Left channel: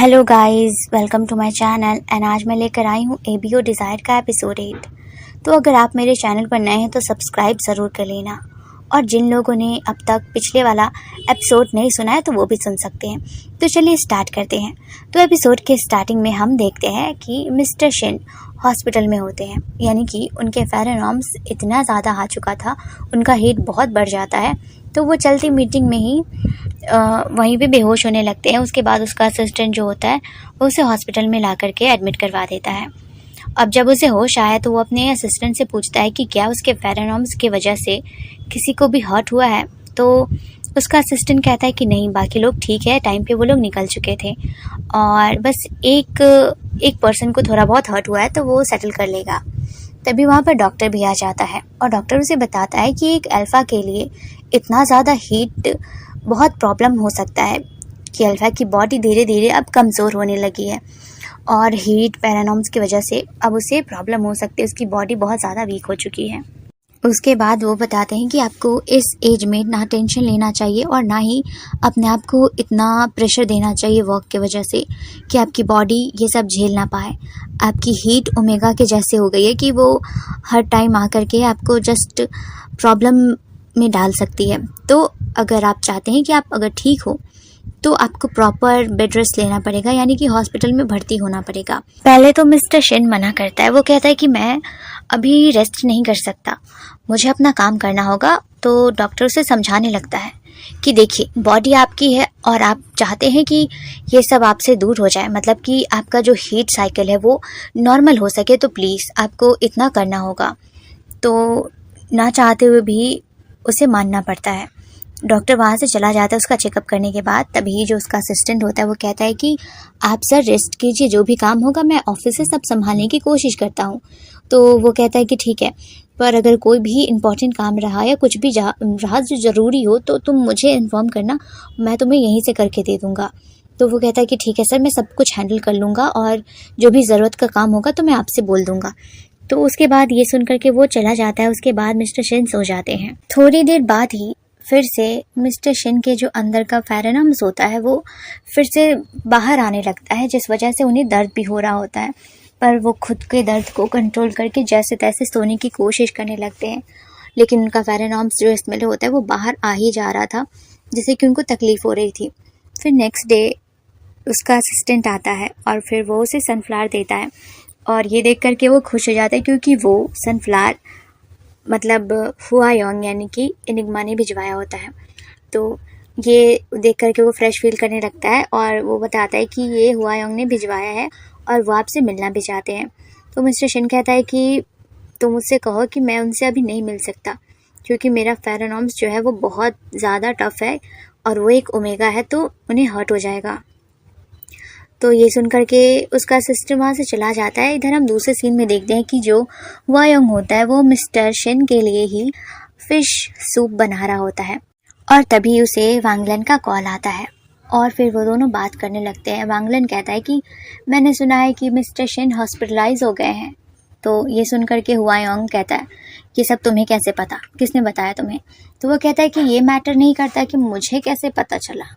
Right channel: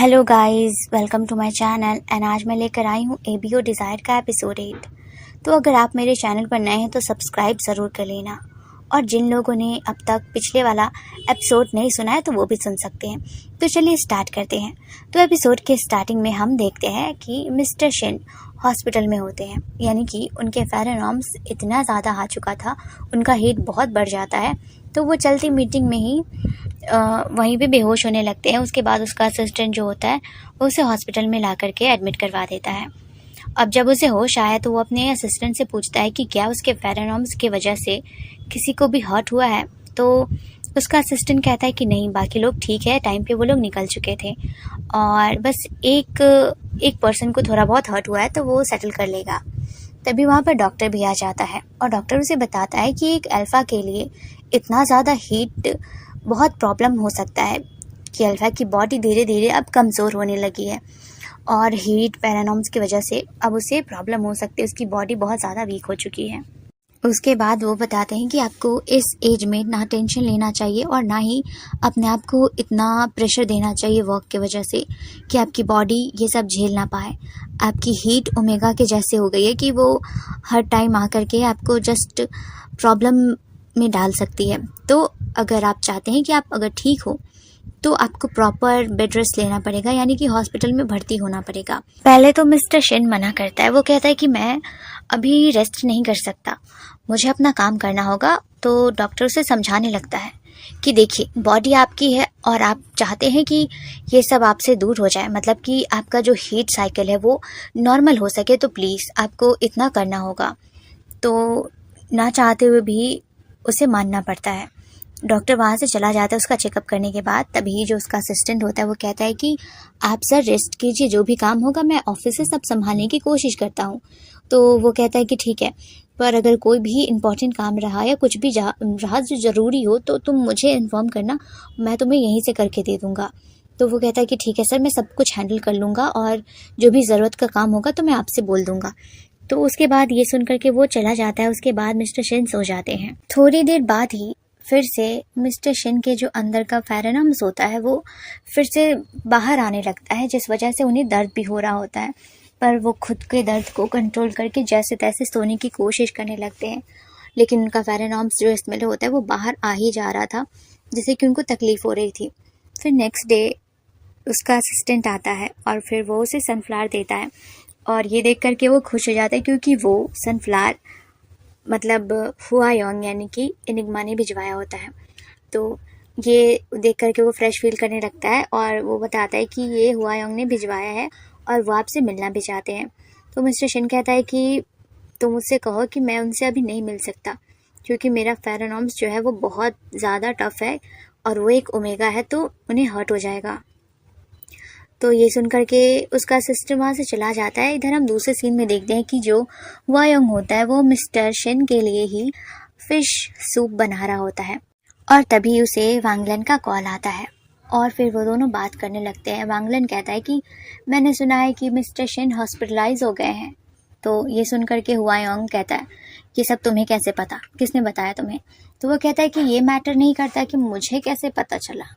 Hello guys, welcome to my channel and आज मैं लेकर आई हूँ एबीओ डिज़ायर का एपिसोड 8। तो अगर आप मेरे चैनल पर नए हैं तो सब्सक्राइब ज़रूर कर लेना, और जिन लोगों ने अब तक पिछले वाला एपिसोड नहीं सुना है तो वो भी सुन सकते हैं। तो चलिए स्टार्ट करते हैं। तो एपिसोड के स्टार्टिंग में हम देखते हैं कि मिस्टर शिन हॉस्पिटल में होते हैं, यानी कि उनके फेरेनॉर्म्स इतना ज़्यादा आ चुका था, उनका हीट बहुत बढ़ जाता है, तो वो चलती मीटिंग में ही वहीं पे बेहोश होने लगते हैं। उसके बाद उसका असिस्टेंट जो होता है वो उसे हॉस्पिटल में ला करके एडमिट करवा देता है। अब जब उसे होश आया तो वो अपने असिस्टेंट से पूछता है कि क्या उसके फेरेनॉर्म्स की वजह से किसी को भी हर्ट हुआ है। तो उसका असिस्टेंट कहता है कि नहीं, बाकी लोग ठीक है, टाइम पे वो लोग निकल चुके थे और बस एक पर्सन को थोड़ा बहुत हर्ट हुआ है तो वो सेटल कर लेगा। तभी वहाँ पर डॉक्टर भी आ जाता है और डॉक्टर उसे बताता है कि एक अल्फ़ा के लिए इतना ज़्यादा हीट बहुत प्रॉब्लम हो सकता है कि अल्फ़ा की बॉडी धीरे धीरे अब कमज़ोर होने लगी है और हीट फेरेनॉर्म्स की वजह से अब उसे प्रॉब्लम हो सकती है, उसकी बॉडी बहुत ज़्यादा वीक हो चुकी है। उसके बाद वो बताते हैं कि आपको इस एज में ना टेंशन लेना चाहिए और ना ही अपने आप को इतना प्रेशर देना चाहिए वर्क की वजह से कि आपकी बॉडी ये सब झेल ना पाए। आपकी हीट ओमेगा के जैसे हो गई है कि वो हर टाइम आकर के आपको जस्ट प्रॉब्लम में डाल सकती है। तो अगर आप चाहते हैं कि आप अगर ठीक हो तो आपको प्रॉपर बेड रेस्ट लेना पड़ेगा, यानी कि हॉस्पिटल में भर्ती होना पड़ेगा। पहले तो मिस्टर शिन मना करता है, वो कहता है कि मैं अभी रेस्ट नहीं कर सकता, मुझे अपना काम करना होगा। तो डॉक्टर उसे समझाने लगता है कि देखिए, बॉडी आपकी है और आप चाहते हैं कि ये सब आपसे दूर हो जाए, मतलब कि आपका जो हीट साइकिल है वो नॉर्मल हो सके, तो प्लीज़ आपको इतना करना होगा। तो ना चाहते हुए भी उसे मानना पड़ता है। डॉक्टर वहाँ से चला जाता है उसका चेकअप करने के बाद। तभी जो उसका असिस्टेंट होता है वो कहता है कि आप सर रेस्ट कीजिए, जो भी काम होगा मैं ऑफिस से सब संभालने की कोशिश करता हूँ। तो वो कहता है कि ठीक है, पर अगर कोई भी इम्पोर्टेंट काम रहा या कुछ भी रहा जो ज़रूरी हो तो तुम मुझे इन्फॉर्म करना, मैं तुम्हें यहीं से करके दे दूँगा। तो वो कहता है कि ठीक है सर, मैं सब कुछ हैंडल कर लूँगा और जो भी ज़रूरत का काम होगा तो मैं आपसे बोल दूँगा। तो उसके बाद ये सुन करके वो चला जाता है। उसके बाद मिस्टर शिन सो जाते हैं। थोड़ी देर बाद ही फिर से मिस्टर शिन के जो अंदर का फेरेनॉर्म्स होता है वो फिर से बाहर आने लगता है, जिस वजह से उन्हें दर्द भी हो रहा होता है। पर वो खुद के दर्द को कंट्रोल करके जैसे तैसे सोने की कोशिश करने लगते हैं, लेकिन उनका फेरेनॉर्म्स जो इसमें होता है वो बाहर आ ही जा रहा था, जिससे कि उनको तकलीफ़ हो रही थी। फिर नेक्स्ट डे उसका असिस्टेंट आता है और फिर वो उसे सनफ्लावर देता है और ये देख करके वो खुश हो जाता है, क्योंकि वो सनफ्लावर मतलब हुआ योंग यानी कि एनिग्मा ने भिजवाया होता है। तो ये देख करके वो फ्रेश फील करने लगता है और वो बताता है कि ये हुआ योंग ने भिजवाया है और वो आपसे मिलना भी चाहते हैं। तो मिस्टर शिन कहता है कि तुम मुझसे कहो कि मैं उनसे अभी नहीं मिल सकता, क्योंकि मेरा फेरेनॉर्म्स जो है वो बहुत ज़्यादा टफ है और वो एक ओमेगा है, तो उन्हें हर्ट हो जाएगा। तो ये सुन कर के उसका सिस्टर वहाँ से चला जाता है। इधर हम दूसरे सीन में देखते हैं कि जो वायोंग होता है वो मिस्टर शिन के लिए ही फिश सूप बना रहा होता है और तभी उसे वांगलन का कॉल आता है और फिर वो दोनों बात करने लगते हैं। वांगलन कहता है कि मैंने सुना है कि मिस्टर शिन हॉस्पिटलाइज हो गए हैं। तो ये सुन कर के वायोंग कहता है ये सब तुम्हें कैसे पता, किसने बताया तुम्हें? तो वो कहता है कि ये मैटर नहीं करता कि मुझे कैसे पता चला।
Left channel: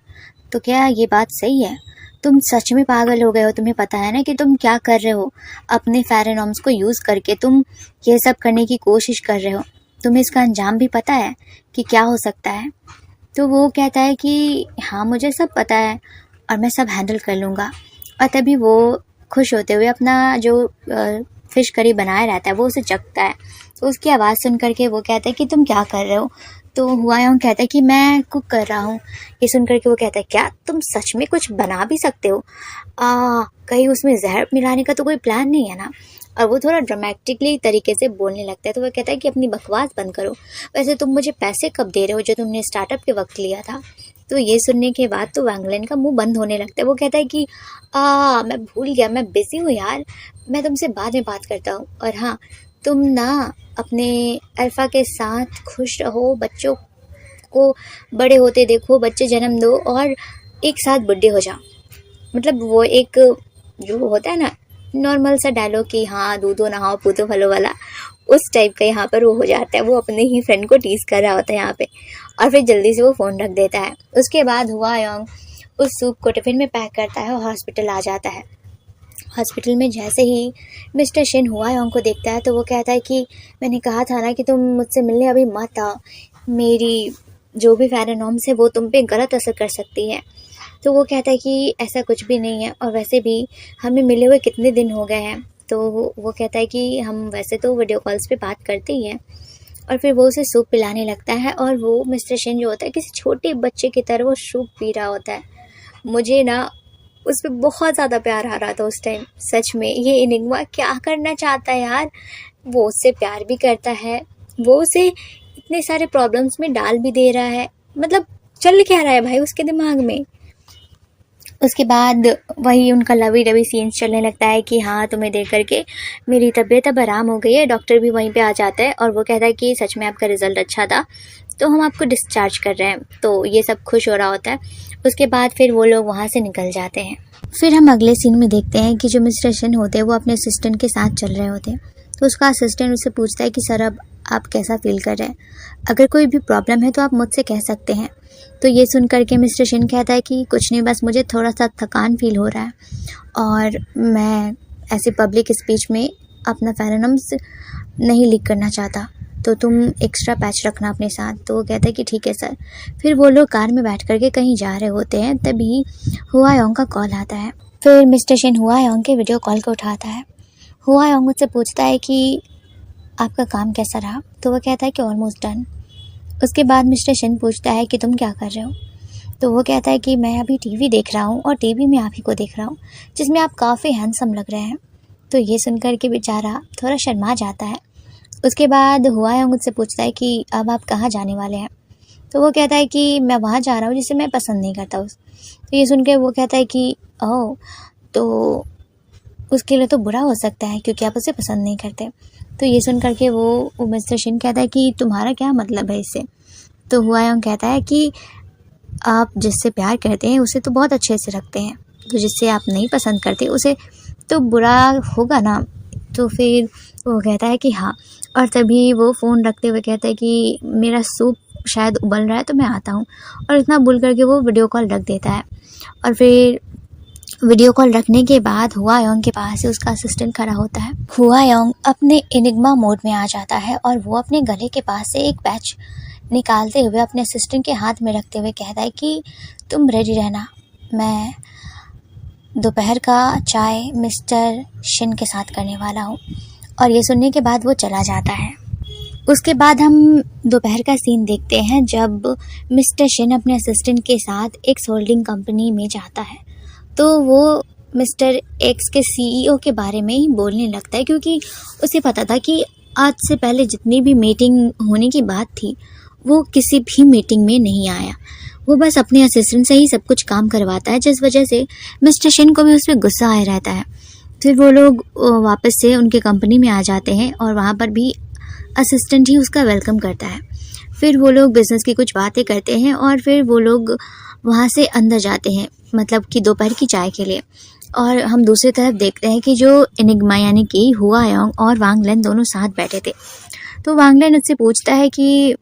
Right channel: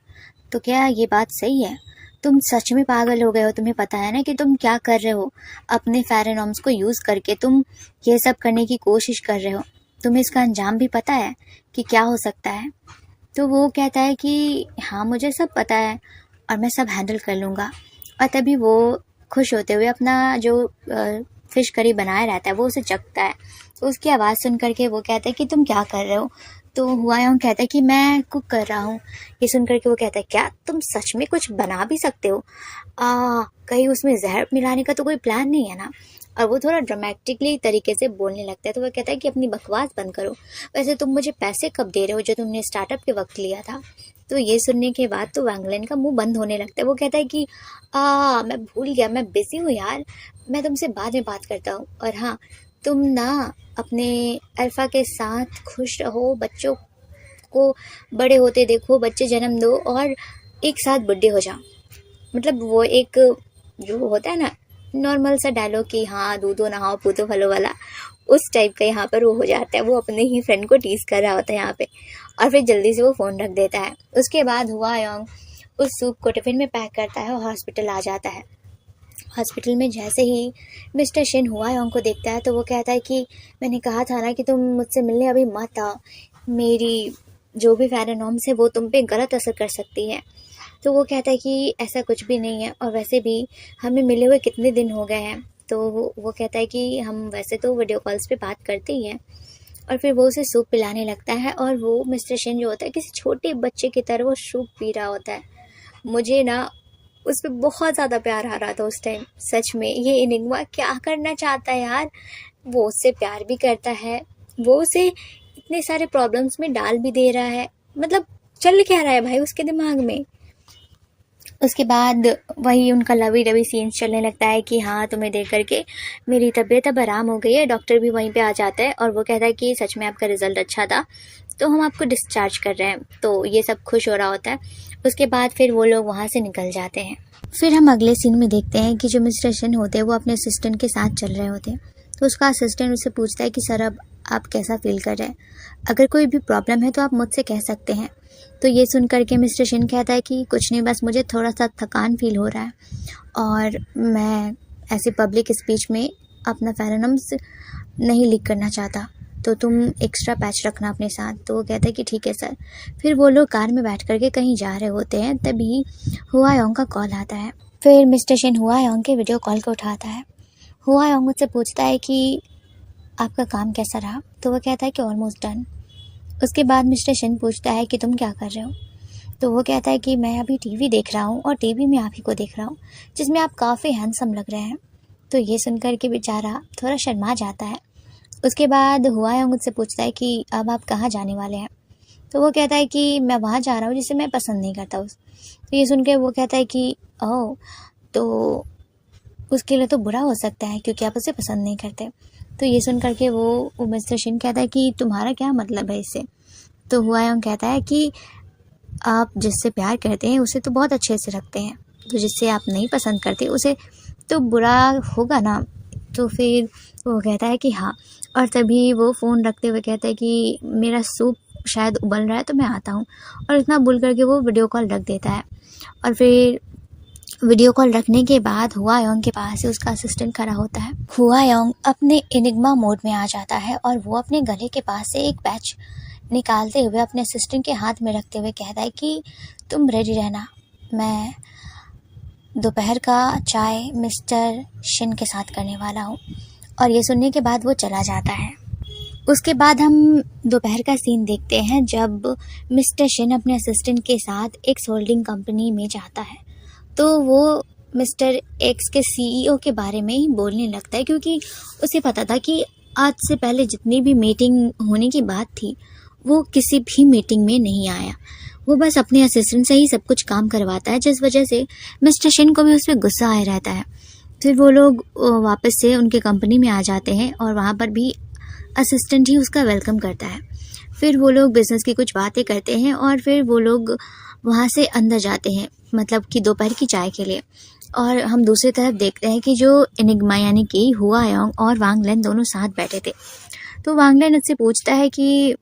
तो क्या ये बात सही है? तुम सच में पागल हो गए हो? तुम्हें पता है ना कि तुम क्या कर रहे हो? अपने फेरेनॉर्म्स को यूज़ करके तुम ये सब करने की कोशिश कर रहे हो। तुम्हें इसका अंजाम भी पता है कि क्या हो सकता है? तो वो कहता है कि हाँ, मुझे सब पता है और मैं सब हैंडल कर लूँगा। और तभी वो खुश होते हुए अपना जो फ़िश करी बनाया रहता है वो उसे चखता है। तो उसकी आवाज़ सुन करके वो कहता है कि तुम क्या कर रहे हो? तो हुआयोंग कहता है कि मैं कुक कर रहा हूँ। ये सुन करके वो कहता है क्या तुम सच में कुछ बना भी सकते हो? कहीं उसमें जहर मिलाने का तो कोई प्लान नहीं है ना? और वो थोड़ा ड्रामेटिकली तरीके से बोलने लगता है। तो वो कहता है कि अपनी बकवास बंद करो, वैसे तुम मुझे पैसे कब दे रहे हो जो तुमने स्टार्टअप के वक्त लिया था? तो ये सुनने के बाद तो वांगलन का मुंह बंद होने लगता है। वो कहता है कि मैं भूल गया, मैं बिजी हूँ यार, मैं तुमसे बाद में बात करता हूँ। और हाँ, तुम ना अपने अल्फ़ा के साथ खुश रहो, बच्चों को बड़े होते देखो, बच्चे जन्म दो और एक साथ बुढ़े हो जाओ। मतलब वो एक जो होता है ना नॉर्मल सा डायलॉग कि हाँ दूधो नहाओ पूतो फलो वाला, उस टाइप का यहाँ पर वो हो जाता है। वो अपने ही फ्रेंड को टीज कर रहा होता है यहाँ पे और फिर जल्दी से वो फ़ोन रख देता है। उसके बाद हुआ योंग उस सूप को टिफ़िन में पैक करता है और हॉस्पिटल आ जाता है। हॉस्पिटल में जैसे ही मिस्टर शिन हुआयोंग को देखता है तो वो कहता है कि मैंने कहा था ना कि तुम मुझसे मिलने अभी मत आओ, मेरी जो भी फेरोमोन्स है वो तुम पे गलत असर कर सकती है। तो वो कहता है कि ऐसा कुछ भी नहीं है, और वैसे भी हमें मिले हुए कितने दिन हो गए हैं। तो वो कहता है कि हम वैसे तो वीडियो कॉल्स पे बात करते ही हैं। और फिर वो उसे सूप पिलाने लगता है, और वो मिस्टर शिन जो होता है किसी छोटे बच्चे की तरह वो सूप पी रहा होता है। मुझे ना उस पर बहुत ज़्यादा प्यार आ रहा था उस टाइम। सच में ये एनिग्मा क्या करना चाहता है यार। वो उससे प्यार भी करता है, वो उसे इतने सारे प्रॉब्लम्स में डाल भी दे रहा है। मतलब चल क्या रहा है भाई उसके दिमाग में। उसके बाद वही उनका लवी डवी सीन्स चलने लगता है कि हाँ तुम्हें देख करके मेरी तबीयत अब आराम हो गई है। डॉक्टर भी वहीं पे आ जाता है और वो कहता है कि सच में आपका रिज़ल्ट अच्छा था, तो हम आपको डिस्चार्ज कर रहे हैं। तो ये सब खुश हो रहा होता है। उसके बाद फिर वो लोग वहाँ से निकल जाते हैं। फिर हम अगले सीन में देखते हैं कि जो मिस्टर शिन होते हैं वो अपने असिस्टेंट के साथ चल रहे होते हैं। तो उसका असिस्टेंट उससे पूछता है कि सर अब आप कैसा फील कर रहे हैं, अगर कोई भी प्रॉब्लम है तो आप मुझसे कह सकते हैं। तो ये सुन करके मिस्टर शिन कहता है कि कुछ नहीं, बस मुझे थोड़ा सा थकान फील हो रहा है और मैं ऐसे पब्लिक स्पीच में अपना फेरोमोन्स नहीं लीक करना चाहता, तो तुम एक्स्ट्रा पैच रखना अपने साथ। तो वो कहता है कि ठीक है सर। फिर वो लोग कार में बैठ करके कहीं जा रहे होते हैं, तभी हुआयोंग का कॉल आता है। फिर मिस्टर शिन हुआयोंग के वीडियो कॉल को उठाता है। हुआयोंग मुझसे पूछता है कि आपका काम कैसा रहा। तो वो कहता है कि ऑलमोस्ट डन। उसके बाद मिस्टर शिन पूछता है कि तुम क्या कर रहे हो। तो वो कहता है कि मैं अभी टीवी देख रहा हूँ और टीवी में आप ही को देख रहा हूँ, जिसमें आप काफ़ी हैंडसम लग रहे हैं। तो ये सुनकर के बेचारा थोड़ा शर्मा जाता है। उसके बाद हुआयोंग मुझसे पूछता है कि अब आप कहाँ जाने वाले हैं। तो वो कहता है कि मैं वहाँ जा रहा हूँ जिसे मैं पसंद नहीं करता उस। तो ये सुन के वो कहता है कि ओह, तो उसके लिए तो बुरा हो सकता है क्योंकि आप उसे पसंद नहीं करते। तो ये सुन करके वो मिस्टर शिन कहता है कि तुम्हारा क्या मतलब है इससे। तो हुआयोंग कहता है कि आप जिससे प्यार करते हैं उसे तो बहुत अच्छे से रखते हैं, तो जिससे आप नहीं पसंद करते उसे तो बुरा होगा ना। तो फिर वो कहता है कि हाँ, और तभी वो फ़ोन रखते हुए कहता है कि मेरा सूप शायद उबल रहा है तो मैं आता हूँ। और इतना बोल करके वो वीडियो कॉल रख देता है। और फिर वीडियो कॉल रखने के बाद हुआयोंग के पास से उसका असिस्टेंट खड़ा होता है। हुआयोंग अपने एनिग्मा मोड में आ जाता है और वो अपने गले के पास से एक पैच निकालते हुए अपने असिस्टेंट के हाथ में रखते हुए कहता है कि तुम रेडी रहना, मैं दोपहर का चाय मिस्टर शिन के साथ करने वाला हूँ। और ये सुनने के बाद वो चला जाता है। उसके बाद हम दोपहर का सीन देखते हैं जब मिस्टर शिन अपने असिस्टेंट के साथ एक होल्डिंग कंपनी में जाता है। तो वो मिस्टर एक्स के सीईओ के बारे में ही बोलने लगता है, क्योंकि उसे पता था कि आज से पहले जितनी भी मीटिंग होने की बात थी वो किसी भी मीटिंग में नहीं आया। वो बस अपने असिस्टेंट से ही सब कुछ काम करवाता है, जिस वजह से मिस्टर शिन को भी उस पर गुस्सा आया रहता है। फिर वो लोग वापस से उनके कंपनी में आ जाते हैं और वहाँ पर भी असिस्टेंट ही उसका वेलकम करता है। फिर वो लोग बिज़नेस की कुछ बातें करते हैं और फिर वो लोग वहाँ से अंदर जाते हैं, मतलब कि दोपहर की चाय के लिए। और हम दूसरी तरफ देखते हैं कि जो एनिग्मा यानी कि हुआयोंग और वांग लेन दोनों साथ बैठे थे। तो वांग लेन उससे पूछता है कि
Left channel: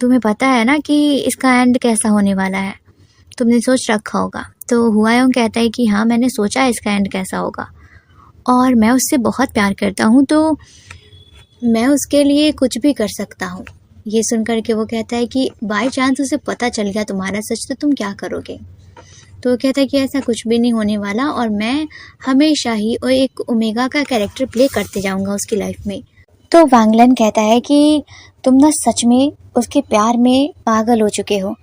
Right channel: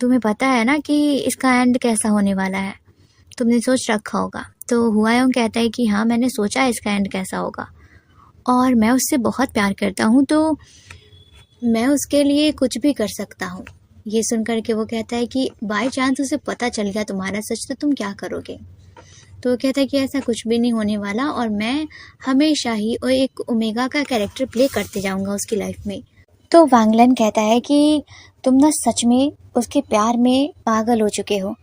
तुम्हें पता है ना कि इसका एंड कैसा होने वाला है, तुमने सोच रखा होगा। तो हुआयोंग कहता है कि हाँ, मैंने सोचा है इसका एंड कैसा होगा और मैं उससे बहुत प्यार करता हूँ, तो मैं उसके लिए कुछ भी कर सकता हूँ। ये सुनकर के वो कहता है कि बाय चांस उसे पता चल गया तुम्हारा सच, तो तुम क्या करोगे। तो वो कहता है कि ऐसा कुछ भी नहीं होने वाला और मैं हमेशा ही एक ओमेगा का कैरेक्टर प्ले करते जाऊंगा उसकी लाइफ में। तो वांग लेन कहता है कि तुम ना सच में उसके प्यार में पागल हो चुके हो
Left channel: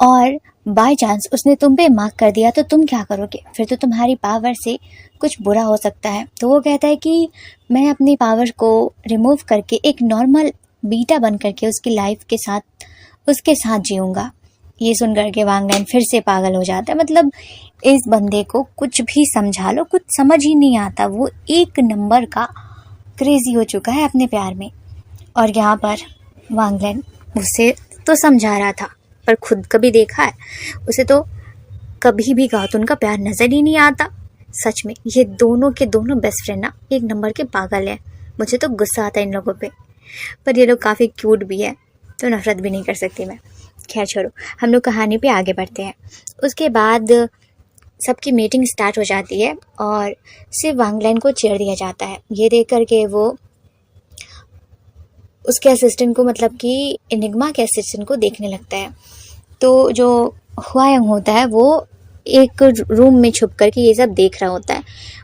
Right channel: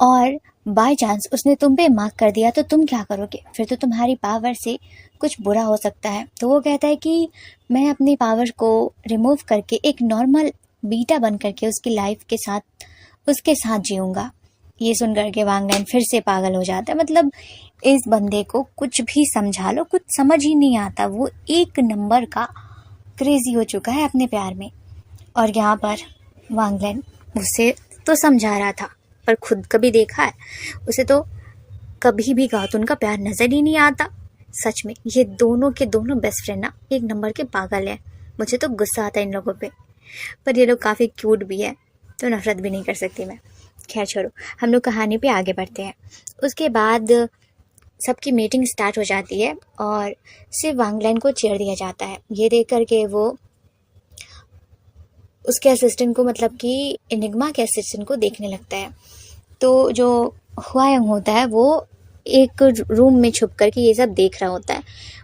और बाय चांस उसने तुम पे मार्क कर दिया तो तुम क्या करोगे, फिर तो तुम्हारी पावर से कुछ बुरा हो सकता है। तो वो कहता है कि मैं अपनी पावर को रिमूव करके एक नॉर्मल बीटा बन करके उसकी लाइफ के साथ उसके साथ जीऊँगा। ये सुन करके वांग लेन फिर से पागल हो जाता है। मतलब इस बंदे को कुछ भी समझा लो, कुछ समझ ही नहीं आता। वो एक नंबर का क्रेजी हो चुका है अपने प्यार में। और यहाँ पर वांग लेन उसे तो समझा रहा था पर खुद कभी देखा है उसे तो कभी भी गातुन का प्यार नज़र ही नहीं आता। सच में ये दोनों के दोनों बेस्ट फ्रेंड ना एक नंबर के पागल हैं। मुझे तो गुस्सा आता है इन लोगों पे, पर ये लोग काफ़ी क्यूट भी है तो नफरत भी नहीं कर सकती मैं। खैर छोड़ो, हम लोग कहानी पे आगे बढ़ते हैं। उसके बाद सबकी मीटिंग स्टार्ट हो जाती है और सिर्फ वांगलैन को चेयर दिया जाता है। ये देख करके वो उसके असिस्टेंट को, मतलब कि एनिग्मा के असिस्टेंट को देखने लगता है। तो जो हुआयंग होता है वो एक रूम में छुप करके ये सब देख रहा होता है।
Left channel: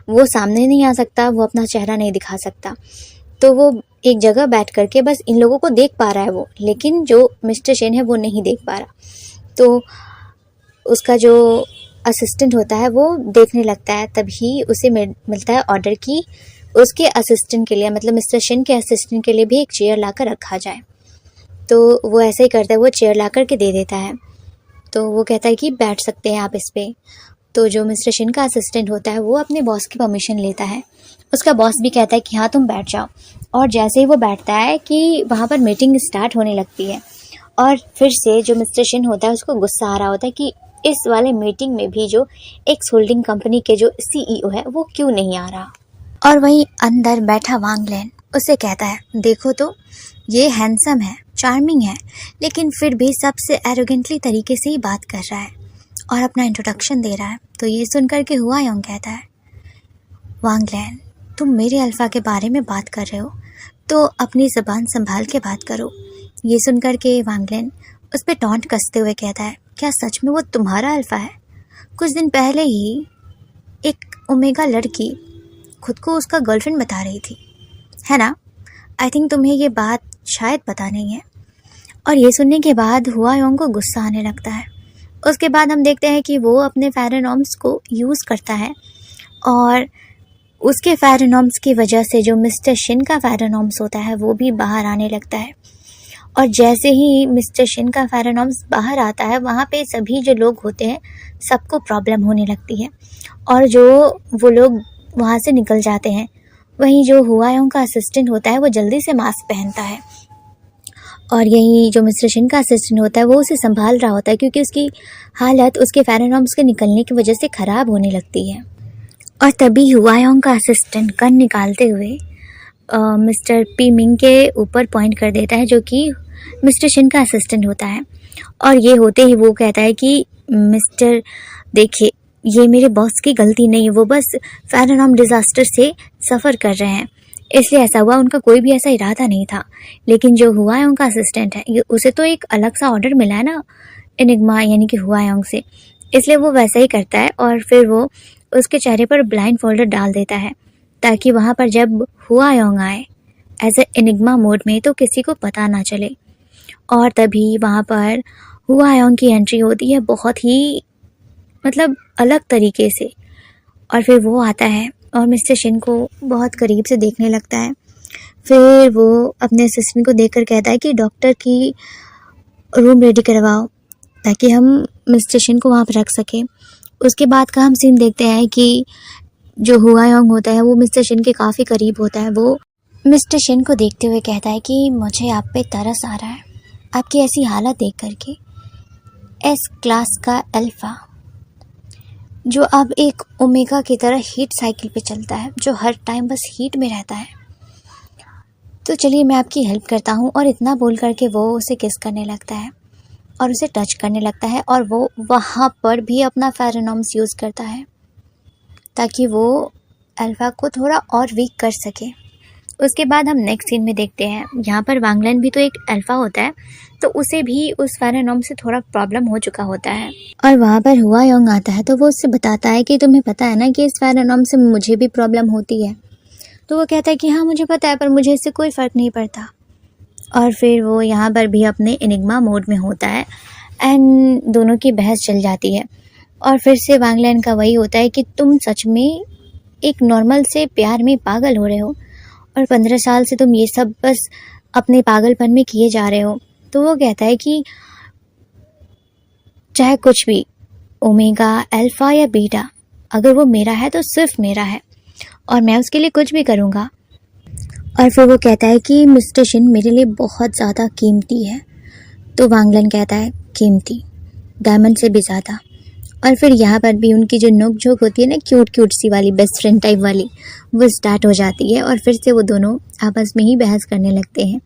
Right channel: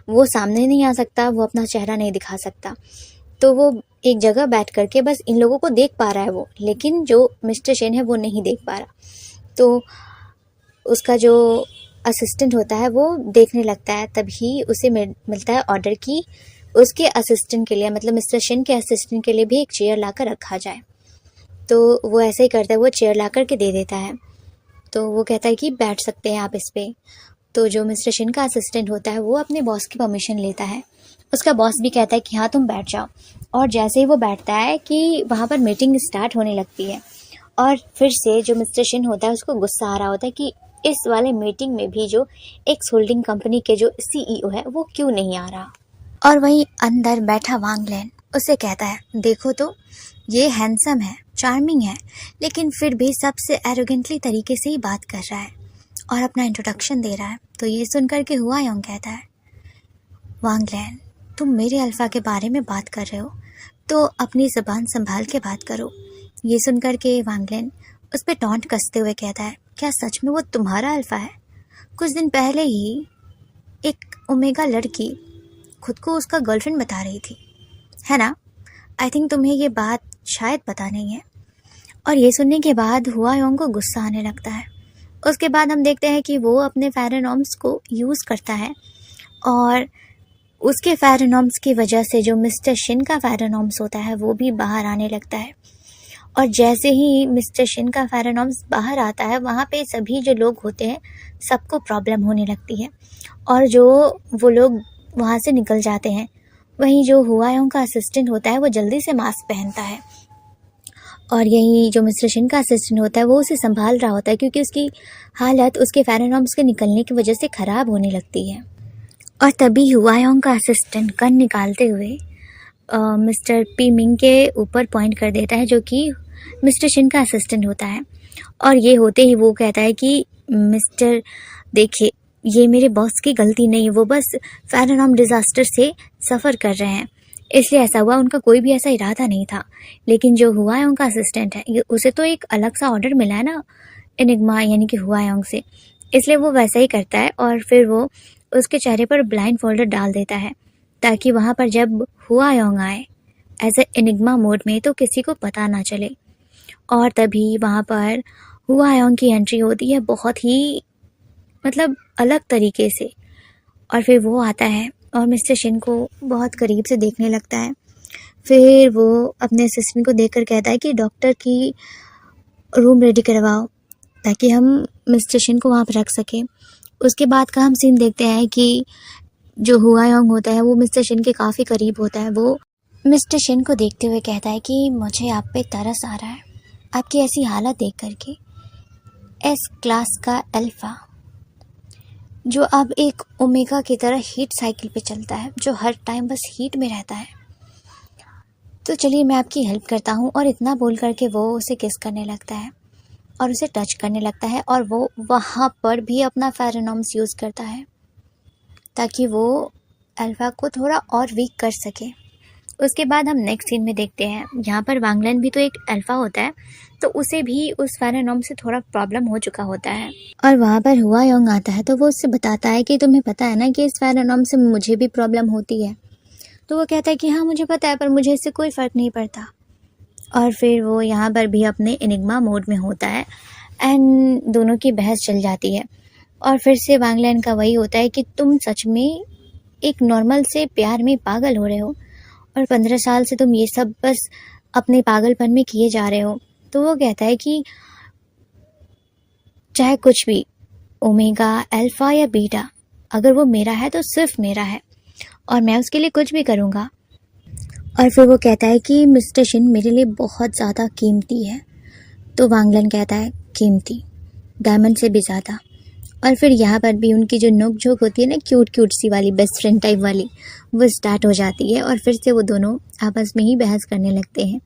वो सामने नहीं आ सकता, वो अपना चेहरा नहीं दिखा सकता, तो वो एक जगह बैठ करके बस इन लोगों को देख पा रहा है वो, लेकिन जो मिस्टर शेन है वो नहीं देख पा रहा। तो उसका जो असिस्टेंट होता है वो देखने लगता है, तभी उसे मिलता है ऑर्डर कि उसके असिस्टेंट के लिए, मतलब मिस्टर शेन के असिस्टेंट के लिए भी एक चेयर लाकर रखा जाए। तो वो ऐसा ही करता है, वो चेयर ला कर के दे देता है। तो वो कहता है कि बैठ सकते हैं आप इस पर। तो जो मिस्टर शेन का असिस्टेंट होता है वो अपने बॉस की परमिशन लेता है। उसका बॉस भी कहता है कि हाँ तुम बैठ जाओ। और जैसे ही वो बैठता है कि वहाँ पर मीटिंग स्टार्ट होने लगती है। और फिर से जो मिस्टर शेन होता है उसको गुस्सा आ रहा होता है कि इस वाले मीटिंग में भी जो एक्स होल्डिंग कंपनी के जो सीईओ है वो क्यों नहीं आ रहा। और वहीं अंदर बैठा वांगलैन उसे कहता है, देखो तो ये हैंडसम है, चार्मिंग है, लेकिन फिर भी सबसे एरोगेंटली तरीके से ही बात कर रहा है और अपना इंट्रोडक्शन दे रहा है। तो ये सुनकर के हुआयोंग कहता है, वांगलैन तुम मेरे अल्फा के बारे में बात कर रहे हो तो अपनी ज़बान संभाल के बात करो। ये सुनकर के वांगलैन उस पर टॉन्ट कसते हुए कहता है, क्या सच में वो तुम्हारा अल्फा है? कुछ दिन पहले ही एक ओमेगा लड़की खुद को उसका गर्लफ्रेंड बता रही थी, है ना? आई थिंक तुम्हें ये बात शायद पता नहीं है। और ये सुनने के बाद हुआयोंग को गुस्सा आने लगता है। उसके बाद हम देखते हैं कि वो अपने फेरोमोन्स को यूज़ करता है और उसके फेरोमोन्स की वजह से जो मिस्टर शिन का फेरोमोन्स होता है वो भी बाहर आने लगता है। और जैसे ही मिस्टर शिन का फेरोमोन्स बाहर आता है वहाँ पे सभी जो लोग होते हैं सबको प्रॉब्लम होने लगती है और जो वो लोग वहाँ से निकल जाते हैं। वहीं जो हुआयोंग का असिस्टेंट होता है वो जल्दी से मास्क पहनता है और यही जो मिस्टर शिन का असिस्टेंट होता है वो उसे संभाल रहा होता है क्योंकि उसकी हालत उसके फेरोमोन्स के निकलने की वजह से ख़राब होने लगती है। और तभी हुआयोंग का असिस्टेंट गन निकालते हुए मिस्टर पी मिंग के ऊपर पॉइंट कर देता है, जो कि मिस्टर शिन का असिस्टेंट होता है। और ये होते ही वो कहता है कि मिस्टर देखिए, ये मेरे बॉस की गलती नहीं है, वो बस फेरोमोन डिज़ास्टर से सफ़र कर रहे हैं, इसलिए ऐसा हुआ, उनका कोई भी ऐसा इरादा नहीं था। लेकिन जो हुआयोंग का असिस्टेंट है उसे तो एक अलग सा ऑर्डर मिला है ना एनिग्मा यानी कि हुआयोंग से, इसलिए वो वैसा ही करता है। और फिर वो उसके चेहरे पर ब्लाइंड फोल्डर डाल देता है ताकि वहाँ पर जब हुआयोंग आए एज ए एनिग्मा मोड में तो किसी को पता ना चले। और तभी वहाँ पर हुआयोंग की एंट्री होती है बहुत ही मतलब अलग तरीके से। और फिर वो आता है और मिस्टर शिन को बहुत करीब से देखने लगता है। फिर वो अपने असिस्टेंट को देखकर कहता है कि डॉक्टर की रूम रेडी करवाओ ताकि हम मिस्टर शिन को वहाँ पर रख सकें। उसके बाद का हम सीन देखते हैं कि जो हुआयोंग होता है वो मिस्टर शिन के काफ़ी करीब होता है। वो मिस्टर शिन को देखते हुए कहता है कि मुझे आप पे तरस आ रहा है, आपकी ऐसी हालत देख करके। एस क्लास का अल्फ़ा जो अब एक ओमेगा की तरह हीट साइकिल पे चलता है, जो हर टाइम बस हीट में रहता है, तो चलिए मैं आपकी हेल्प करता हूँ। और इतना बोल करके वो उसे किस करने लगता है और उसे टच करने लगता है और वो वहाँ पर भी अपना फेरोमोन्स यूज़ करता है ताकि वो अल्फ़ा को थोड़ा और वीक कर सके। उसके बाद हम नेक्स्ट सीन में देखते हैं, यहाँ पर वांगलैन भी तो एक अल्फ़ा होता है, तो उसे भी उस फेरोमोन से थोड़ा प्रॉब्लम हो चुका होता है। और वहाँ पर हुआयोंग आता है तो वो उससे बताता है कि तुम्हें पता है ना कि इस फेरोमोन से मुझे भी प्रॉब्लम होती है। तो वो कहता है कि हाँ मुझे पता है, पर मुझे इससे कोई फ़र्क नहीं पड़ता। और फिर वो यहाँ पर भी अपने एनिग्मा मोड में होता है एंड दोनों की बहस चल जाती है। और फिर से वांगलैन का वही होता है कि तुम सच में एक नॉर्मल से प्यार में पागल हो रहे हो और 15 साल से तुम ये सब बस अपने पागलपन में किए जा रहे हो। तो वो कहता है कि चाहे कुछ भी, ओमेगा, अल्फ़ा या बीटा, अगर वो मेरा है तो सिर्फ मेरा है और मैं उसके लिए कुछ भी करूँगा। और फिर वो कहता है कि मिस्टर शिन मेरे लिए बहुत ज़्यादा कीमती है। तो वांगलैन कहता है कीमती, डायमंड से भी ज़्यादा। और फिर यहाँ पर भी उनकी जो नोक झोंक होती है ना, क्यूट क्यूट सी वाली बेस्ट फ्रेंड टाइप वाली, वो स्टार्ट हो जाती है। और फिर से वो दोनों आपस में ही बहस करने लगते हैं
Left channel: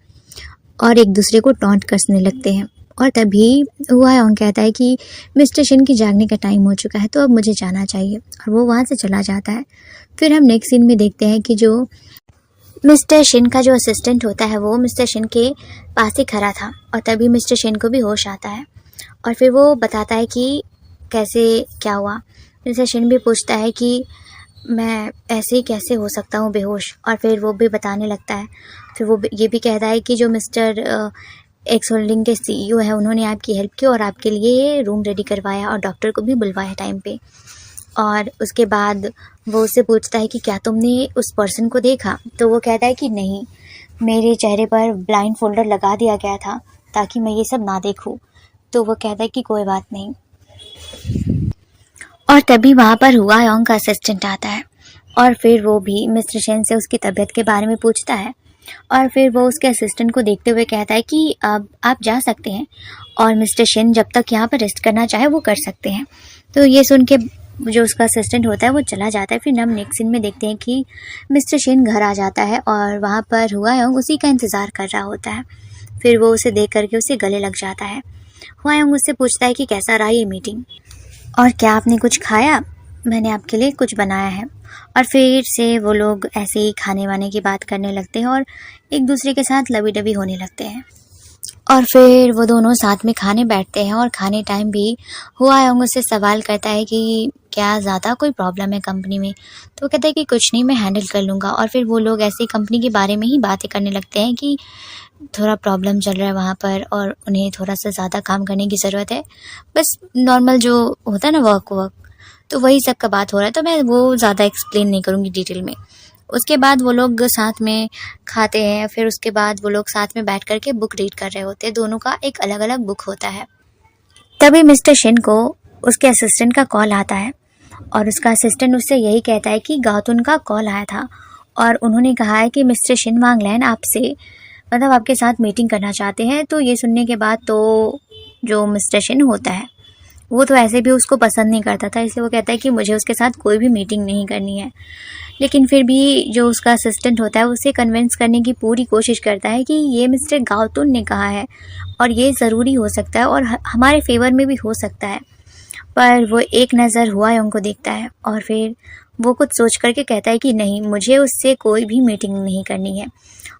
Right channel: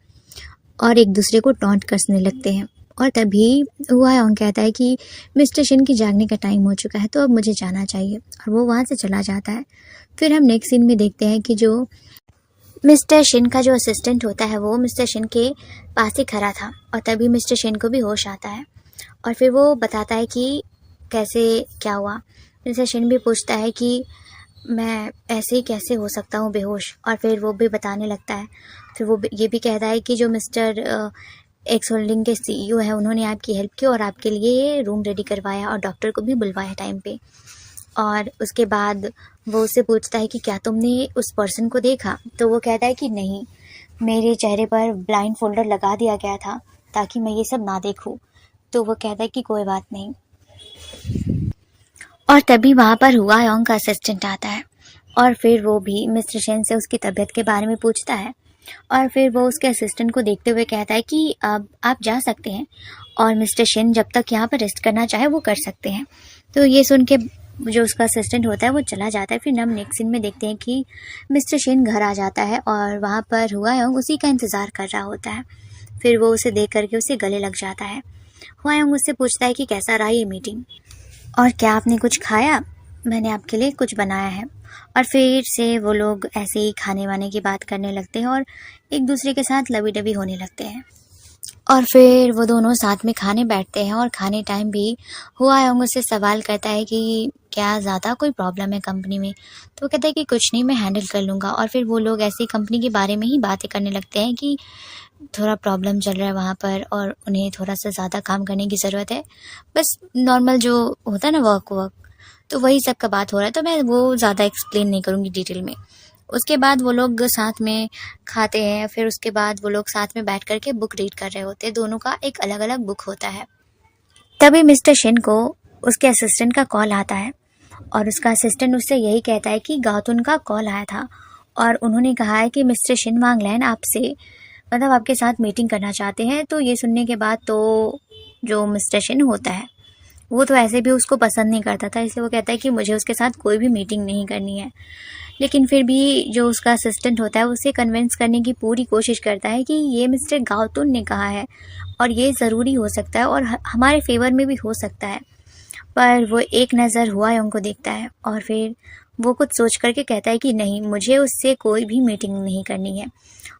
और एक दूसरे को टॉन्ट कसने लगते हैं। और तभी हुआयोंग कहता है कि मिस्टर शिन की जागने का टाइम हो चुका है, तो अब मुझे जाना चाहिए, और वो वहाँ से चला जाता है। फिर हम नेक्स्ट सीन में देखते हैं कि जो मिस्टर शिन का जो असिस्टेंट होता है वो मिस्टर शिन के पास ही खड़ा था, और तभी मिस्टर शिन को भी होश आता है और फिर वो बताता है कि कैसे क्या हुआ। मिस्टर शिन भी पूछता है कि मैं ऐसे ही कैसे हो सकता हूँ बेहोश, और फिर वो भी बताने लगता है। फिर वो ये भी कहता है कि जो मिस्टर एक्स होल्डिंग के सीईओ है उन्होंने आपकी हेल्प की और आपके लिए रूम रेडी करवाया और डॉक्टर को भी बुलवाया टाइम पे। और उसके बाद वो उससे पूछता है कि क्या तुमने उस पर्सन को देखा, तो वो कहता है कि नहीं, मेरे चेहरे पर ब्लाइंड फोल्डर लगा दिया गया था ताकि मैं ये सब ना देखूं। तो वो कहता है कि कोई बात नहीं। और तभी वहाँ पर हुआयोंग का असिस्टेंट आता है और फिर वो भी मिस्टर शेन से उसकी तबीयत के बारे में पूछता है, और फिर वो उसके असिस्टेंट को देखते हुए कहता है कि अब आप जा सकते हैं और मिस्टर शेन जब तक यहाँ पर रेस्ट करना चाहे वो कर सकते हैं। तो ये सुन के जो उसका असिस्टेंट होता है वो चला जाता है। फिर हम नेक्स्ट सीन में देखते हैं कि मिस्टर शेन घर आ जाता है और वहाँ पर हुआयोंग उसी का इंतज़ार कर रहा होता है। फिर वो उसे देख करके उसे गले लग जाता है। हुआयोंग उससे पूछता है कि कैसा रहा ये मीटिंग और क्या आपने कुछ खाया, मैंने आपके लिए कुछ बनाया है। और फिर से वो लोग ऐसे ही खाने वाने की बात करने लगते हैं और एक दूसरे के साथ लवी डबी होने लगते हैं। और फिर वो दोनों साथ में खाने बैठते हैं और खाने टाइम भी हुआयोंग उससे सवाल करता है कि क्या ज़्यादा कोई प्रॉब्लम है कंपनी में, तो वो कहता है कि कुछ नहीं, मैं हैंडल कर लूँगा। और फिर वो लोग ऐसे ही कंपनी के बारे में ही बातें करने लगते हैं कि थोड़ा प्रॉब्लम चल रहा है वहाँ पर और उन्हें थोड़ा सा ज़्यादा काम करने की ज़रूरत है। बस नॉर्मल जो होता है ना वर्क, तो वही सब का बात हो रहा है, तो मैं वो ज़्यादा एक्सप्लेन नहीं करूँगी डिटेल में। उसके बाद वो लोग साथ में खाते हैं, फिर उसके बाद वो लोग साथ में बैठ कर के बुक रीड कर रहे होते हैं। दोनों का एक अलग अलग बुक होता है। तभी मिस्टर शिन को उसके असिस्टेंट का कॉल आता है और उसका असिस्टेंट उससे यही कहता है कि गातुन का कॉल आया था और उन्होंने कहा है कि मिस्टर शिन वांगलैन आपसे मतलब आपके साथ मीटिंग करना चाहते हैं। तो ये सुनने के बाद तो जो मिस्टर शिन होता है वो तो ऐसे भी उसको पसंद नहीं करता था, इसलिए वो कहता है कि मुझे उसके साथ कोई भी मीटिंग नहीं करनी है। लेकिन फिर भी जो उसका असिस्टेंट होता है उसे कन्विंस करने की पूरी कोशिश करता है कि ये मिस्टर गातुन ने कहा है और ये ज़रूरी हो सकता है और हमारे फेवर में भी हो सकता है। पर वो एक नज़र हुआयोंग को देखता है और फिर वो कुछ सोच करके कहता है कि नहीं, मुझे उससे कोई भी मीटिंग नहीं करनी है।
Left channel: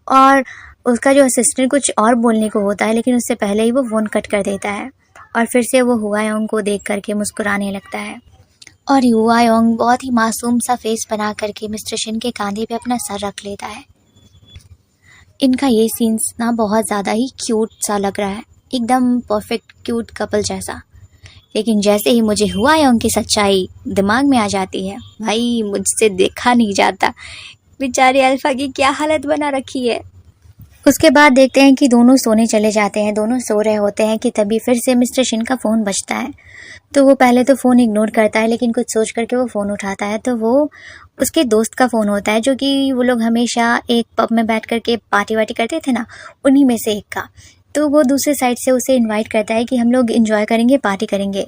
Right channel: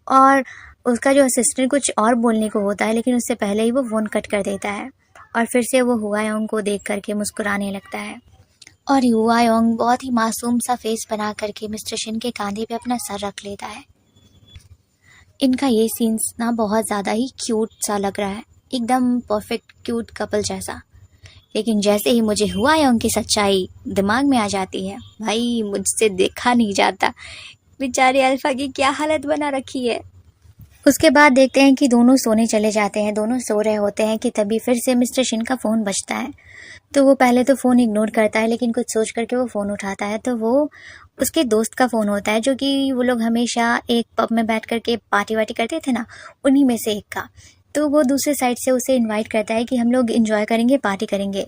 और उसका जो असिस्टेंट कुछ और बोलने को होता है लेकिन उससे पहले ही वो फ़ोन कट कर देता है और फिर से वो हुआयोंग को देख करके मुस्कुराने लगता है। और हुआयोंग बहुत ही मासूम सा फेस बना करके मिस्टर शिन के कंधे पे अपना सर रख लेता है। इनका ये सीन्स ना बहुत ज़्यादा ही क्यूट सा लग रहा है, एकदम परफेक्ट क्यूट कपल जैसा। लेकिन जैसे ही मुझे हुआयोंग की सच्चाई दिमाग में आ जाती है, भाई मुझसे देखा नहीं जाता। बेचारे अल्फा की क्या हालत बना रखी है। उसके बाद देखते हैं कि दोनों सोने चले जाते हैं। दोनों सो रहे होते हैं कि तभी फिर से मिस्टर शिन का फ़ोन बजता है। तो वो पहले तो फ़ोन इग्नोर करता है लेकिन कुछ सोच करके वो फ़ोन उठाता है। तो वो उसके दोस्त का फ़ोन होता है जो कि वो लोग हमेशा एक पब में बैठ करके पार्टी वार्टी करते थे ना, उन्हीं में से एक का। तो वो दूसरे साइड से उसे इनवाइट करता है कि हम लोग एंजॉय करेंगे, पार्टी करेंगे।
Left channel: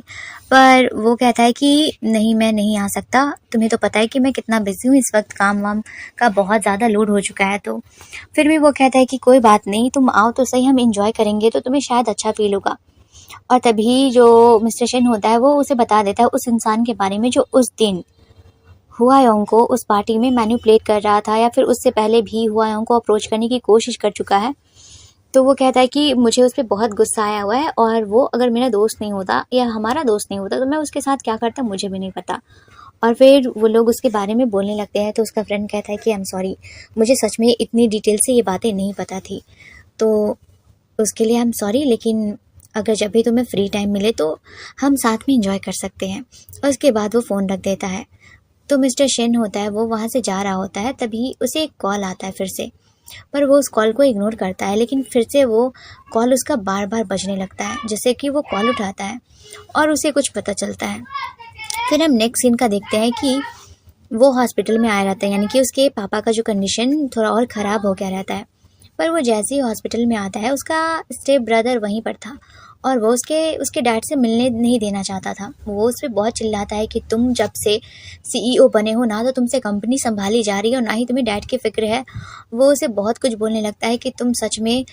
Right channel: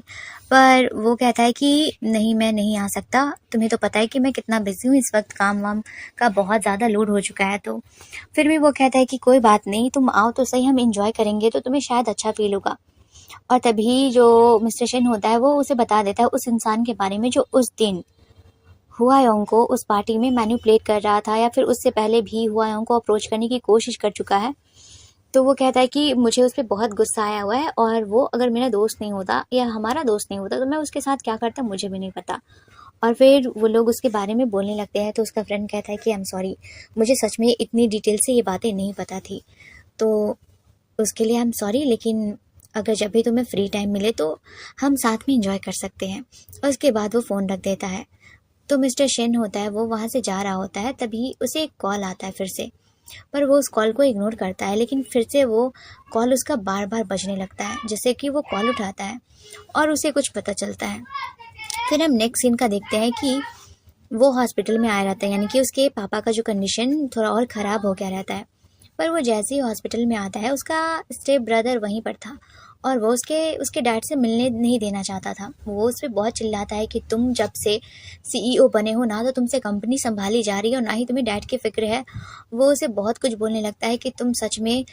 पर वो कहता है कि नहीं, मैं नहीं आ सकता, तुम्हें तो पता है कि मैं कितना बिजी हूँ इस वक्त, काम वाम का बहुत ज़्यादा लोड हो चुका है। तो फिर भी वो कहता है कि कोई बात नहीं, तुम आओ तो सही, हम इंजॉय करेंगे तो तुम्हें शायद अच्छा फील होगा। और तभी जो मिस्टर शिन होता है वो उसे बता देता है उस इंसान के बारे में जो उस दिन हुआयोंग को उस पार्टी में मैनिपुलेट कर रहा था या फिर उससे पहले भी हुआयोंग को अप्रोच करने की कोशिश कर चुका है। तो वो कहता है कि मुझे उस पर बहुत गुस्सा आया हुआ है और वो अगर मेरा दोस्त नहीं होता या हमारा दोस्त नहीं होता तो मैं उसके साथ क्या करता मुझे भी नहीं पता। और फिर वो लोग उसके बारे में बोलने लगते हैं। तो उसका फ्रेंड कहता है कि आई एम सॉरी, मुझे सच में इतनी डिटेल से ये बातें नहीं पता थी, तो उसके लिए आई एम सॉरी, लेकिन अगर जब भी तुम्हें फ्री टाइम मिले तो हम साथ में इंजॉय कर सकते हैं। और उसके बाद वो फ़ोन रख देता है। तो मिस्टर शिन होता है वो वहाँ से जा रहा होता है, तभी उसे एक कॉल आता है फिर से, पर वो उस कॉल को इग्नोर करता है। लेकिन फिर से वो कॉल उसका बार बार बजने लगता है, जैसे कि वो कॉल उठाता है और उसे कुछ पता चलता है। फिर हम नेक्स्ट सीन का देखते हैं कि वो हॉस्पिटल में आया रहता है, यानी कि उसके पापा का जो कंडीशन थोड़ा और ख़राब हो गया रहता है। पर वो जैसे ही हॉस्पिटल में आता है उसका स्टेप ब्रदर वहीं पर था और वो उसके डैड से मिलने नहीं देना चाहता था। वो उस पर बहुत चिल्लाता है कि तुम जब से सीईओ बने हो ना तो तुमसे कंपनी संभाली जा रही है और ना ही तुम्हें डैड की फ़िक्र है। वो उसे बहुत कुछ बोलने लगता है कि तुम सच में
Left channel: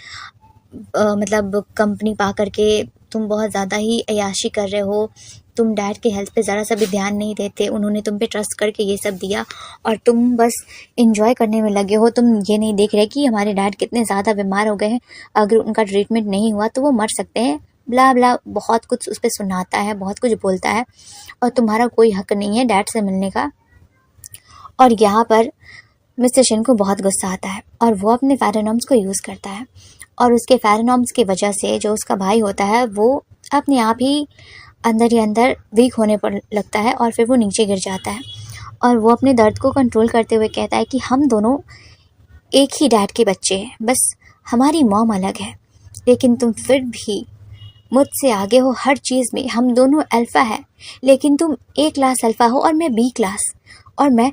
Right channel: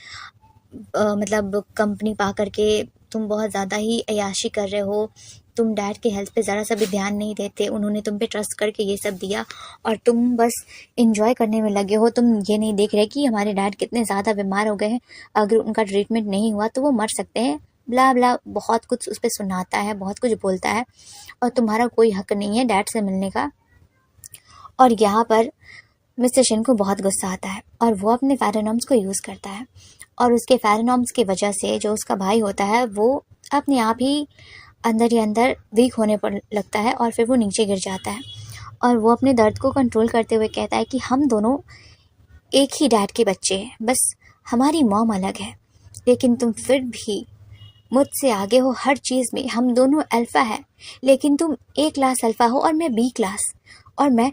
मतलब कंपनी पा करके तुम बहुत ज़्यादा ही अय्याशी कर रहे हो, तुम डैड की हेल्थ पे ज़रा सा भी ध्यान नहीं देते, उन्होंने तुम पे ट्रस्ट करके ये सब दिया और तुम बस एंजॉय करने में लगे हो। तुम ये नहीं देख रहे कि हमारे डैड कितने ज़्यादा बीमार हो गए हैं, अगर उनका ट्रीटमेंट नहीं हुआ तो वो मर सकते हैं, ब्ला ब्ला बहुत कुछ उस पर सुनाता है, बहुत कुछ बोलता है और तुम्हारा कोई हक नहीं है डैड से मिलने का। और यहाँ पर मिस्टर शिन को बहुत गुस्सा आता है और वो अपने फेरोनॉम्स को यूज़ करता है और उसके फेरोनॉम्स की वजह से जो उसका भाई होता है वो अपने आप ही अंदर वीक होने पर लगता है और फिर वो नीचे गिर जाता है और वो अपने दर्द को कंट्रोल करते हुए कहता है कि हम दोनों एक ही डैड के बच्चे हैं, बस हमारी मॉम अलग है, लेकिन तुम फिर भी मुझसे आगे हो हर चीज़ में। हम दोनों अल्फ़ा है, लेकिन तुम A क्लास अल्फ़ा हो और मैं B क्लास, और मैं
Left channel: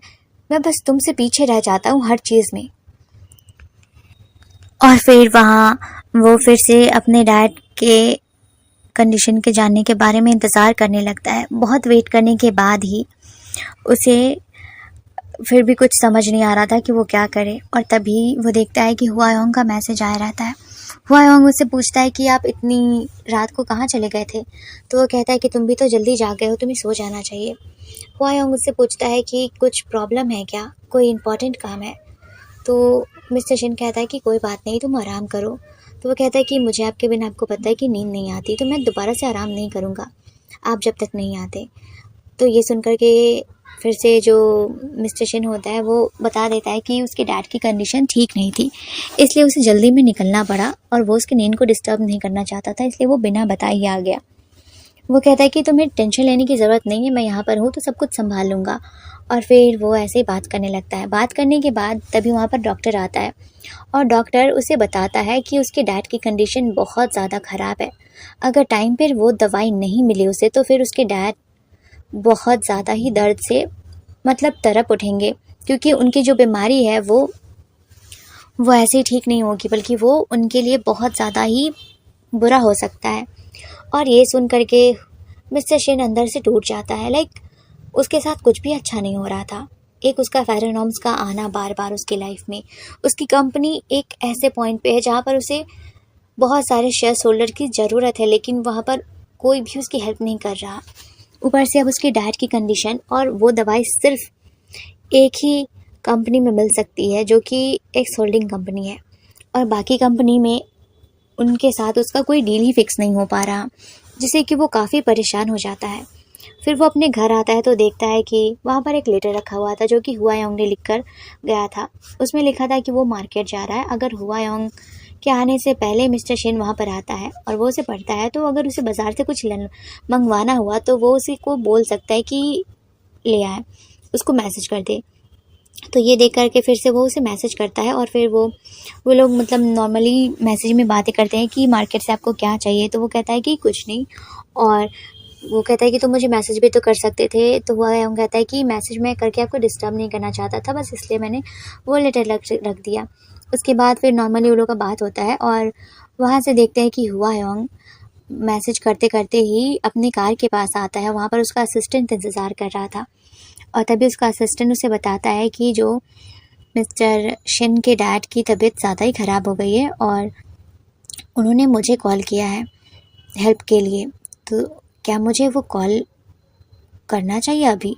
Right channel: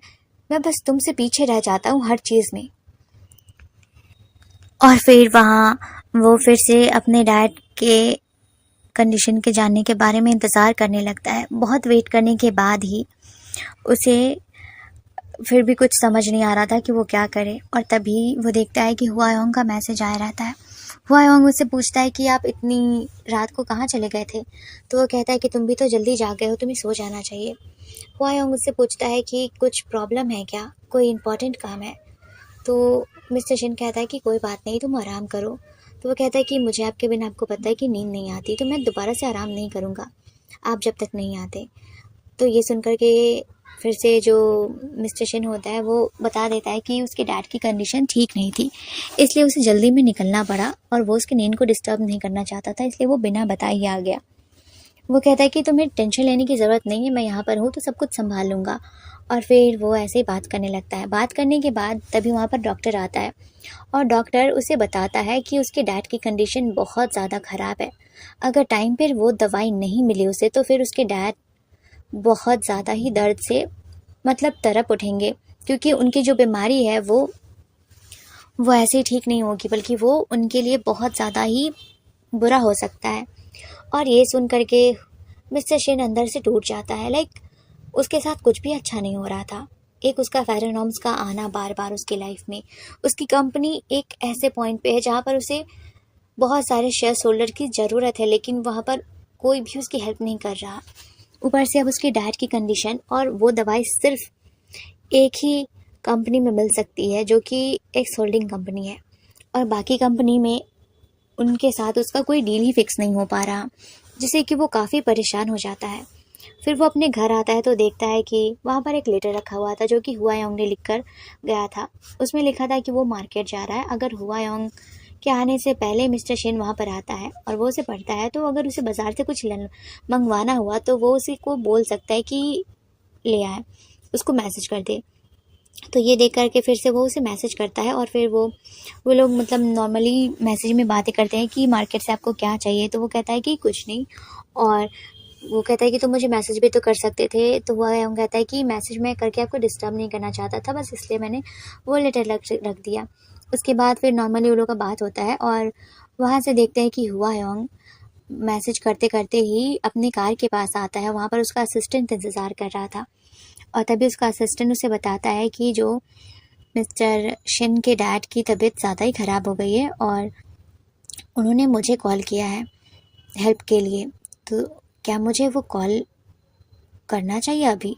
बस तुमसे पीछे रह जाता हूँ हर चीज़ में। और फिर वहाँ वो फिर से अपने डैड के कंडीशन के जानने के बारे में इंतज़ार करने लगता है। बहुत वेट करने के बाद ही उसे फिर भी कुछ समझ नहीं आ रहा था कि वो क्या करे, और तभी वो देखता है कि हुआयोंग का मैसेज आया रहता है। हुआयोंग उससे पूछता है कि आप इतनी रात को कहाँ चले गए थे? तो वो कहता है कि तुम भी तो जल्दी जाग गए हो, तुम्हें सो जाना चाहिए। हुआयोंग उससे पूछता है कि कुछ प्रॉब्लम है क्या, कोई इम्पोर्टेंट काम है? तो मिस्टर शिन कहता है कि कोई बात नहीं, तुम आराम करो। तो वो कहता है कि मुझे आपके बिना, आपको पता है कि नींद नहीं आती, तो मैं दोबारा से आराम नहीं करूँगा आप जब तक नहीं आते। तो ये सुनकर के फिर से जो मिस्टर शिन होता है वो बता देता है कि उसके डैड की कंडीशन ठीक नहीं थी, इसलिए उसे जल्दी में निकलना पड़ा और वो उसकी नींद को डिस्टर्ब नहीं करना चाहता था, इसलिए वो बिना बताए ही आ गया। वो कहता है कि तुम्हें टेंशन लेने की ज़रूरत नहीं है, मैं यहाँ पर हूँ तो सब कुछ संभाल लूँगा। और फिर वो ऐसे ही बात करने लगता है। बात करने के बाद तभी वहाँ पर डॉक्टर आता है और डॉक्टर उसे बताता है कि उसके डैड की कंडीशन बहुत ज़्यादा ख़राब है। अगर टाइम पर वो दवाई नहीं मिली उसे तो फिर उसके डैड बहुत ज़्यादा ही दर्द से मतलब तड़प उठेंगे, क्योंकि उनकी जो बीमारी है वो ऐसे ही ठीक नहीं होगी, बल्कि वो उनके लिए बहुत ज़्यादा ही बुरा हो सकता है। और ये सुन कर के मिस्टर शिन अंदर से टूट जाता है। उसके साथ कुछ भी अच्छा नहीं हो रहा था। एक उसका फेरोनॉम्स का आना बार बार उसकी लाइफ में, उसकी कंपनी एक ऐसे पॉइंट पे है जहाँ पर उसे बहुत सारे शेयर होल्डर की ज़रूरत है, लेकिन वहाँ पर कोई भी उसकी हेल्प नहीं कर रहा। ऊपर से अब उसके डैड की कंडीशन, और वो दवाई सिर्फ एक ही कंपनी में मिल सकती है जो कि एक्स होल्डिंग कंपनी है, और बाकी कंपनी में उनके साथ उसका कोई डील ही फिक्स नहीं हो पा रहा, जिससे कि वो काफ़ी परेशान हो जाता है। फिर वो अपने घर आता है तो देखता है कि वहाँ पर एक लेटर रखा हुआ था जो कि हुआयोंग ने लिख कर गया था। उसमें लिखा था कि वो मार्केट जा रहा है, अगर हुआयोंग के आने से पहले मिस्टर शिन वहाँ पर आता है और वो उसे पढ़ता है तो अगर उसे बाज़ार से कुछ मंगवाना हुआ तो वो उसी को बोल सकता है कि ले आए, उसको मैसेज कर दे। तो ये देख कर के फिर से वो उसे मैसेज करता है और फिर वो लोग मतलब नॉर्मली मैसेज में बातें करते हैं कि मार्केट से आपको क्या चाहिए, तो वो कहता है कि कुछ नहीं, और वो कहता है कि तुम मुझे मैसेज भी तो कर सकते थे। तो वो कहता है कि मैसेज मैं करके आपको डिस्टर्ब नहीं करना चाहता था, बस इसलिए मैंने वो लेटर रख दिया। उसके बाद फिर नॉर्मली उन लोगों का बात होता है और वहाँ से देखते हैं कि हुआयोंग मैसेज करते करते ही अपनी कार के पास आता है। वहाँ पर उसका असिस्टेंट इंतज़ार कर रहा था और तभी उसका असिस्टेंट उसे बताता है कि जो मिस्टर शिन के डैड की तबीयत ज़्यादा ही ख़राब हो गई है और उन्होंने मुझे कॉल किया है हेल्प के लिए, तो क्या मुझे वो कॉल करना चाहिए अभी,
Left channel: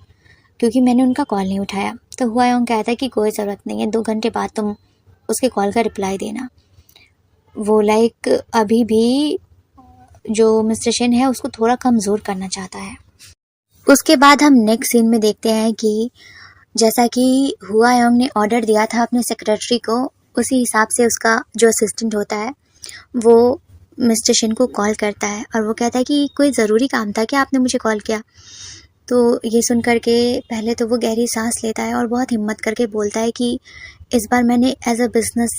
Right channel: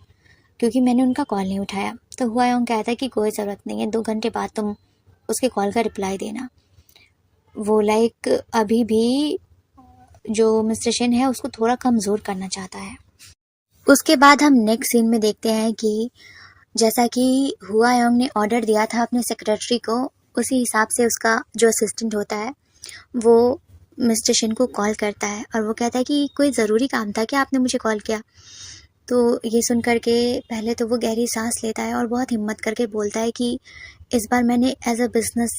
क्योंकि मैंने उनका कॉल नहीं उठाया। तो हुआयोंग कहता है कि कोई ज़रूरत नहीं है, 2 घंटे बाद तुम उसके कॉल का रिप्लाई देना। वो अभी भी जो मिस्टर शिन है उसको थोड़ा कमज़ोर करना चाहता है। उसके बाद हम नेक्स्ट सीन में देखते हैं कि जैसा कि हुआयोंग ने ऑर्डर दिया था अपने सेक्रेटरी को, उसी हिसाब से उसका जो असिस्टेंट होता है वो मिस्टर शिन को कॉल करता है और वो कहता है कि कोई ज़रूरी काम था क्या, आपने मुझे कॉल किया? तो ये सुन कर के पहले तो वो गहरी सांस लेता है और बहुत हिम्मत करके बोलता है कि इस बार मैंने एज अ बिज़नेस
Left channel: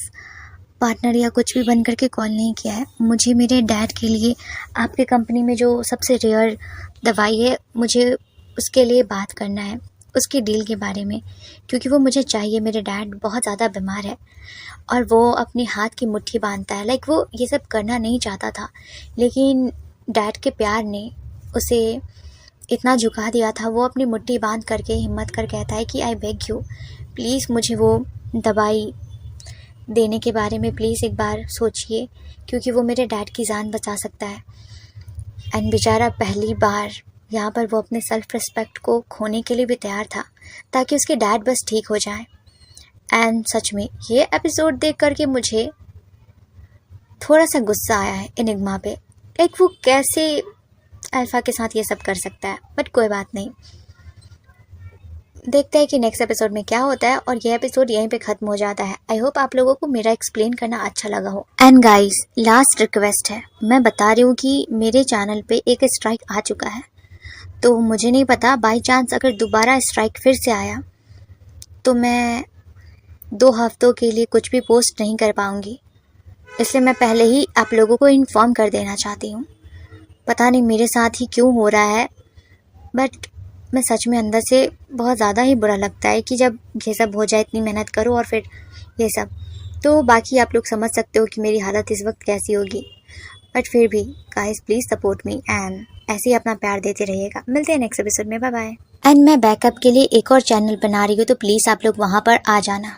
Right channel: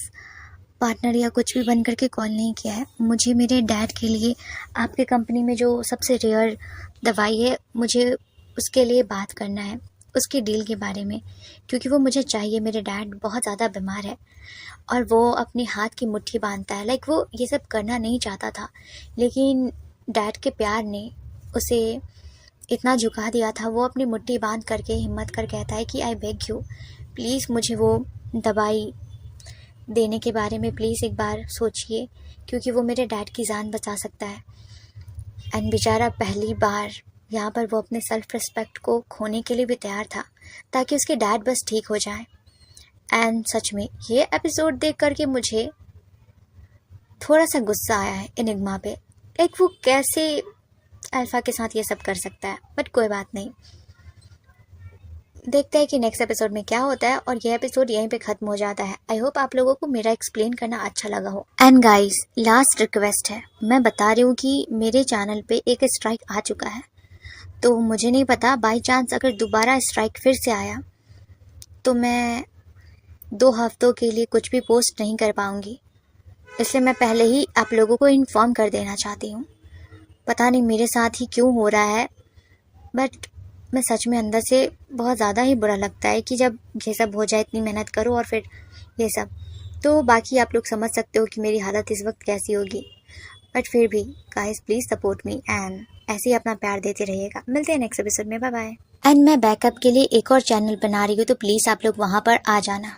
पार्टनर या कुछ भी बन करके कॉल नहीं किया है, मुझे मेरे डैड के लिए आपकी कंपनी में जो सबसे रेयर दवाई है मुझे उसके लिए बात करना है, उसकी डील के बारे में, क्योंकि वो मुझे चाहिए। मेरे डैड बहुत ज़्यादा बीमार है और वो अपने हाथ की मुट्ठी बांधता है। वो ये सब करना नहीं चाहता था, लेकिन डैड के प्यार ने उसे इतना झुका दिया था। वो अपनी मुट्ठी बांध करके हिम्मत कर कहता है कि आई बेग यू, प्लीज़ मुझे वो दवाई देने के बारे में प्लीज़ एक बार सोचिए, क्योंकि वो मेरे डैड की जान बचा सकता है। एंड बेचारा पहली बार यहाँ पर वो अपने सेल्फ रिस्पेक्ट को खोने के लिए भी तैयार था ताकि उसके डैड बस ठीक हो जाए। एंड सच में ये एपिसोड देख करके मुझे थोड़ा सा गुस्सा आया है एनिग्मा पे। लाइक वो कैसे अल्फा के साथ ये सब कर सकता है, बट कोई बात नहीं, देखते हैं कि नेक्स्ट एपिसोड में क्या होता है। और ये एपिसोड यहीं पे खत्म हो जाता है। आई होप आप लोगों को मेरा एक्सप्लेन करना अच्छा लगा हो। एंड गाइस, लास्ट रिक्वेस्ट है, मैं बता रही हूँ कि मेरे चैनल पे एक स्ट्राइक आ चुका है, तो मुझे नहीं पता बाई चांस अगर दोबारा स्ट्राइक फिर से आया तो मैं 2 हफ्तों के लिए कुछ भी पोस्ट नहीं कर पाऊँगी। इसलिए मैं पहले ही आप लोगों को इन्फॉर्म कर देना चाहती हूँ। पता नहीं मेरे साथ ही क्यों हो रहा है, बट मैं सच में अंदर से बहुत ज़्यादा ही बुरा लगता है कि जब ये सब हो जाए, इतनी मेहनत करो और फिर ये सब। तो बाकी आप लोग समझ सकते हो कि मेरी हालत इस वक्त कैसी होगी, बट फिर भी guys please support me and ऐसे ही अपना प्यार देते रहिएगा। मिलते हैं नेक्स्ट एपिसोड में, बाय बाय। एंड मैं बैकअप के लिए एक और चैनल बना रही हूँ, तो प्लीज़ आप लोग वहाँ पर आ जाना।